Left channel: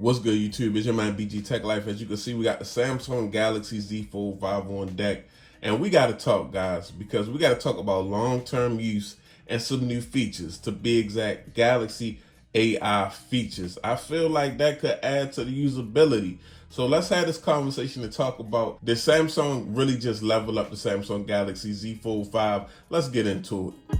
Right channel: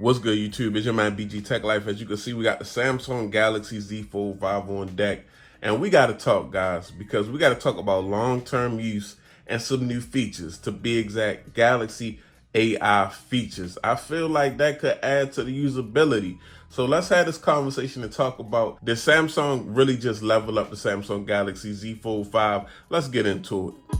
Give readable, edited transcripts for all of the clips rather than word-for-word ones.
What's good, YouTube? It's your man BG Tech Life. As you can see, we got the Samsung Galaxy Z Fold 5 on deck. And we got to talk, guys, because we got to talk about long-term use and some new features. To be exact, Galaxy AI features. I feel like that could add to the usability. So let's have this conversation and talk about, did Samsung really just level up the Samsung Galaxy Z Fold 5? Let's get into it.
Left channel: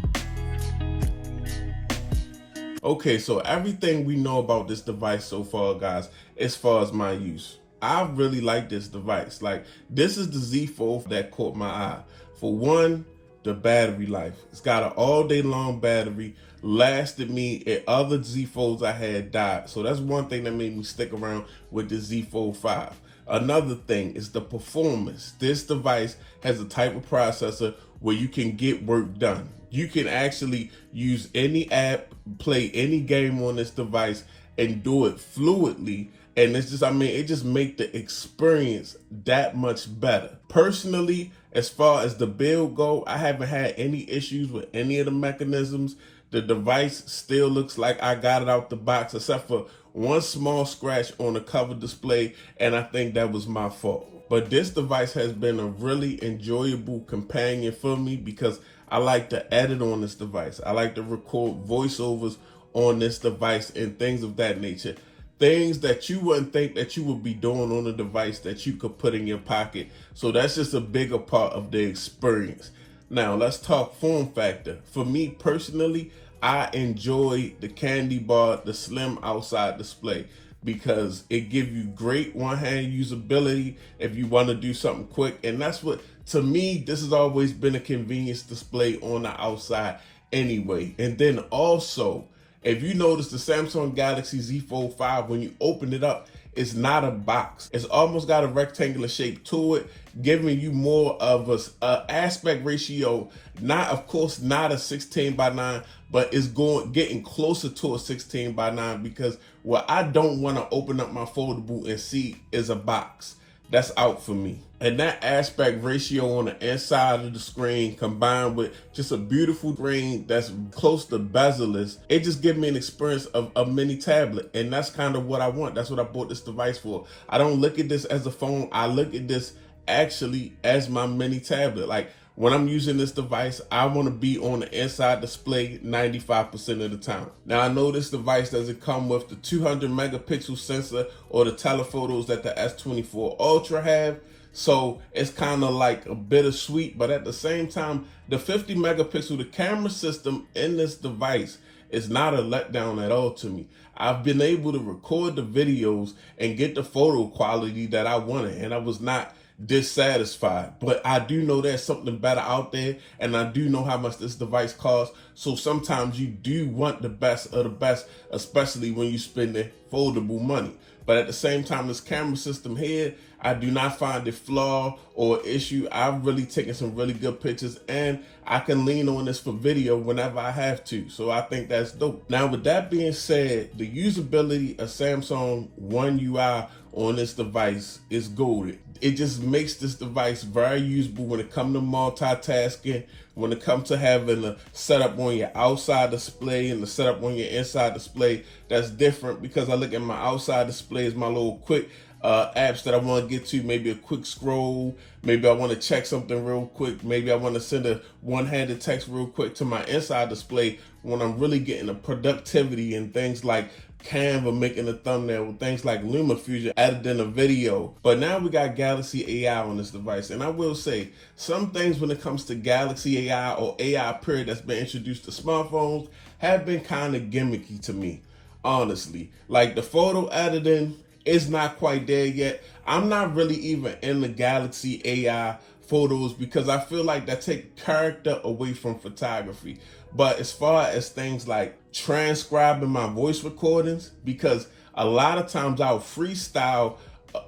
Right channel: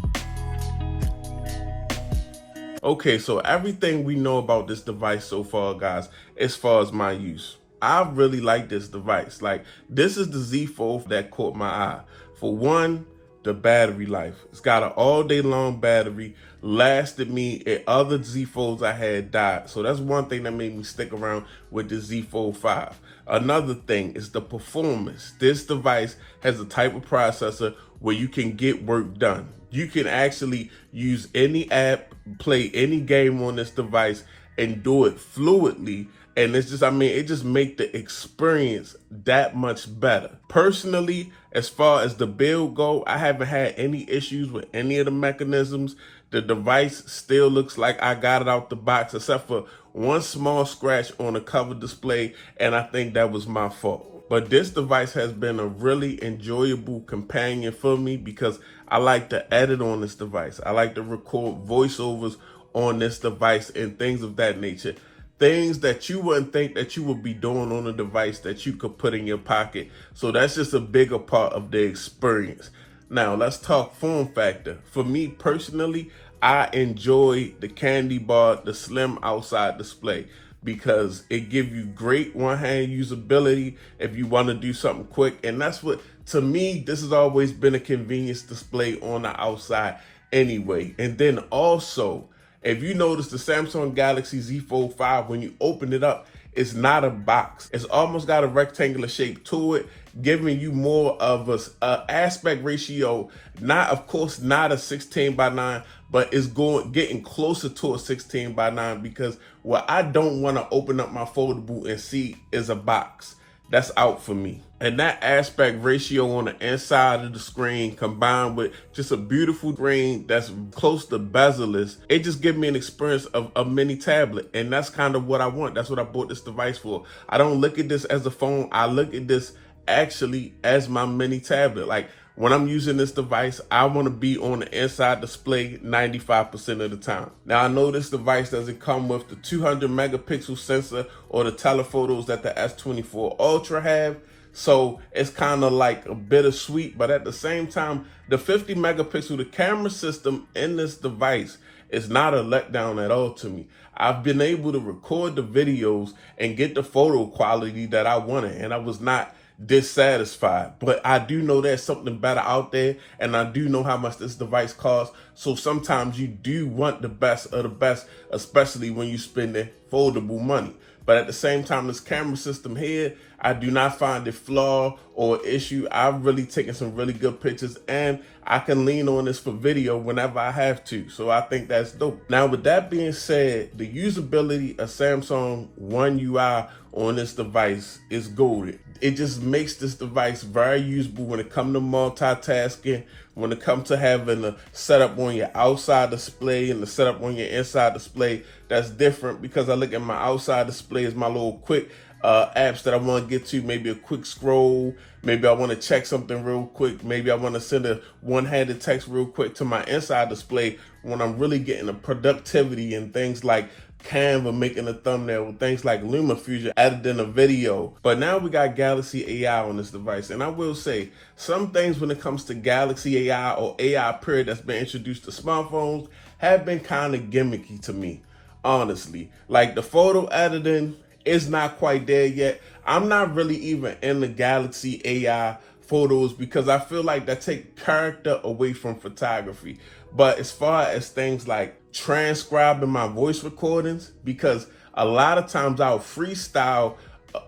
Okay, so everything we know about this device so far, guys, as far as my use, I really like this device. Like, this is the Z Fold that caught my eye. For one, the battery life. It's got an all-day long battery, lasted me at other Z Folds I had died. So that's one thing that made me stick around with the Z Fold 5. Another thing is the performance. This device has a type of processor where you can get work done. You can actually use any app, play any game on this device, and do it fluidly. And it's just, it just makes the experience that much better. Personally, as far as the build go, I haven't had any issues with any of the mechanisms. The device still looks like I got it out the box, except for one small scratch on the cover display, and I think that was my fault. But this device has been a really enjoyable companion for me because I like to edit on this device. I like to record voiceovers on this device and things of that nature. Things that you wouldn't think that you would be doing on a device that you could put in your pocket. So that's just a bigger part of the experience. Now let's talk form factor. For me personally, I enjoy the candy bar, the slim outside display, because it gives you great one-hand usability if you want to do something quick. And that's what, to me, this has always been a convenience display on the outside anyway. And then also, if you notice the Samsung Galaxy Z Fold 5, when you open it up, it's not a box. It's almost got a rectangular shape to it, giving you more of a aspect ratio. Not, of course, not a 16:9, but it's getting closer to a 16:9, because what I don't want to open up my foldable and see is a box. That's out for me. And that aspect ratio on the inside of the screen, combined with just a beautiful screen that's close to bezel-less, it just gives me an experience of a mini tablet. And that's kind of what I want. That's what I bought this device for. I don't look at this as a phone. I look at this actually as my mini tablet. Like, when I'm using this device, I want to be on the inside display 95% of the time. Now, I know this device doesn't come with the 200 megapixel sensor or the telephotos that the S24 Ultra have. So it's kind of like a bittersweet, but at the same time, the 50 megapixel, the camera system in this device is not a letdown at all to me. I've been able to record the videos and get the photo quality that I wanted, and I was not dissatisfied. But I do know there's something better out there, and I do know how much this device costs. So sometimes you do want the best of the best, especially when you spend the foldable money. But at the same time, this camera system here, I do not find it flaw or issue. I've really taken some really good pictures, and I can lean on this for video whenever I have to. So I think that's dope. Now, with that being said, the usability of Samsung One UI on this device is golden. It just makes this device very usable when it comes to multitasking, when it comes to having a setup on your outside display and the setup on your inside display. That's different, because I look at my outside display as my little quick apps that I want to get to, maybe a quick scroll, maybe I want to check something real quick, maybe I want to send a one-handed text real quick. To my inside display when I'm really getting the productivity and things like Canva making a thumbnail, with things like LumaFusion editing a video. But now we got Galaxy AI on this device, and I will say some things when it comes to Galaxy AI or AI period that's been introduced to smartphones have been kind of gimmicky to me, honestly. Like, the photo editing is not quite there yet. I'm not really even in the Galaxy AI photos because I feel like that take character away from photography. But as far as things like transcribing my voice recordings, because a lot of times I'll freestyle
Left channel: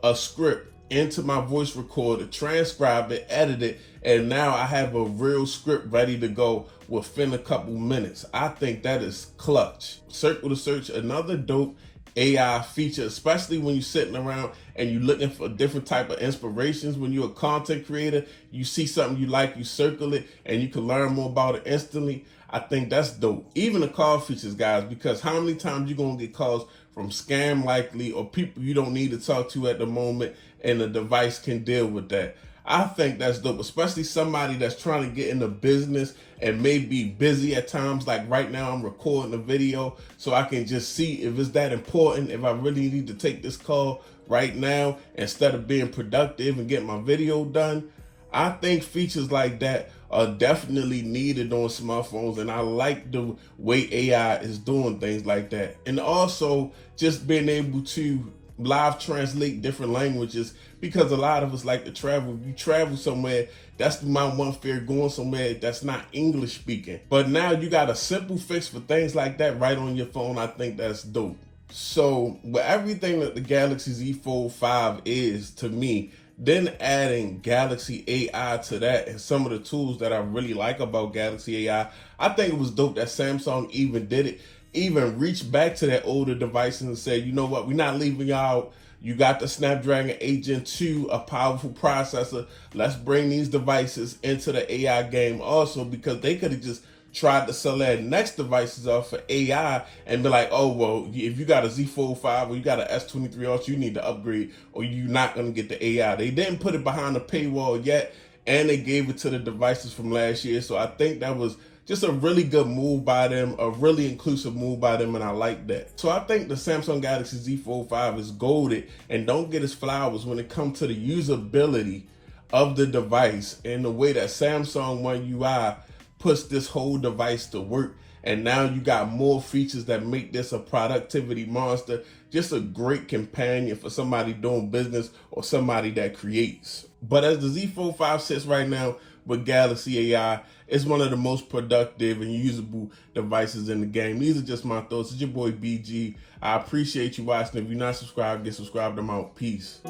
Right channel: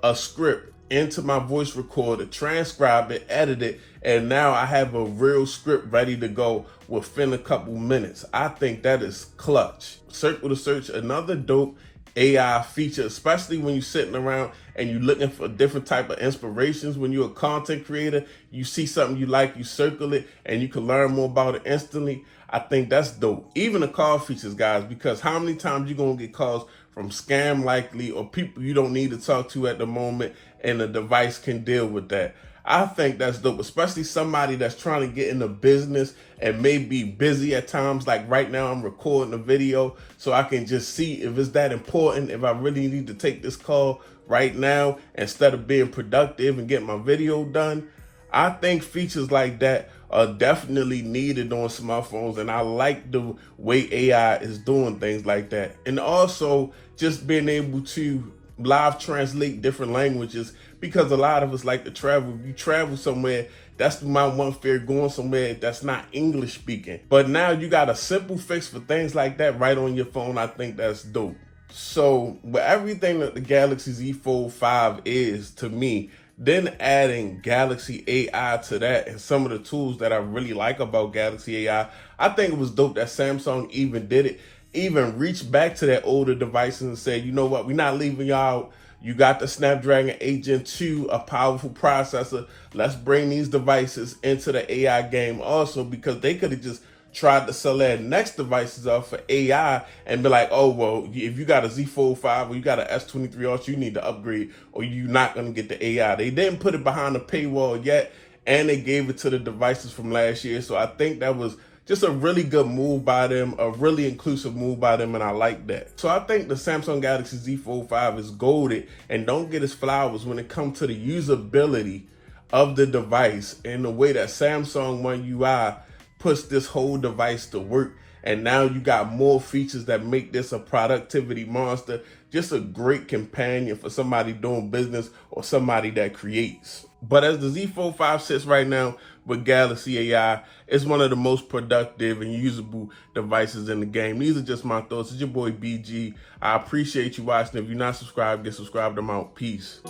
a script into my voice recorder, transcribe it, edit it, and now I have a real script ready to go within a couple minutes. I think that is clutch. Circle to Search, another dope AI feature, especially when you're sitting around and you're looking for different type of inspirations. When you're a content creator, you see something you like, you circle it, and you can learn more about it instantly. I think that's dope. Even the call features, guys, because how many times you gonna get calls from scam likely or people you don't need to talk to at the moment, and the device can deal with that. I think that's dope, especially somebody that's trying to get into business and may be busy at times. Like right now, I'm recording a video so I can just see if it's that important, if I really need to take this call right now instead of being productive and get my video done. I think features like that are definitely needed on smartphones, and I like the way AI is doing things like that. And also just being able to live translate different languages, because a lot of us like to travel. If you travel somewhere, that's my one fear, going somewhere that's not English speaking. But now you got a simple fix for things like that right on your phone. I think that's dope. So with everything that the Galaxy Z Fold 5 is to me, then adding Galaxy AI to that and some of the tools that I really like about Galaxy AI, I think it was dope that Samsung even did it, even reached back to that older devices and said, you know what, we're not leaving y'all out. You got the Snapdragon 8 Gen 2, a powerful processor. Let's bring these devices into the AI game also, because they could have just tried to sell their next devices off for AI and be like, oh, well, if you got a Z Fold 5 or you got an S23 Ultra, you need to upgrade or you're not going to get the AI. They didn't put it behind the paywall yet, and they gave it to the devices from last year. So I think that was just a really good move by them, a really inclusive move by them, and I like that. So I think the Samsung Galaxy Z Fold 5 is golded, and don't get its flowers when it comes to the usability of the device and the way that Samsung One UI puts this whole device to work. And now you got more features that make this a productivity monster. Just a great companion for somebody doing business or somebody that creates. But as the Z Fold 5 sits right now with Galaxy AI, it's one of the most productive and usable devices in the game. These are just my thoughts. It's your boy BG. I appreciate you watching. If you're not subscribed, get subscribed. I'm out. Peace.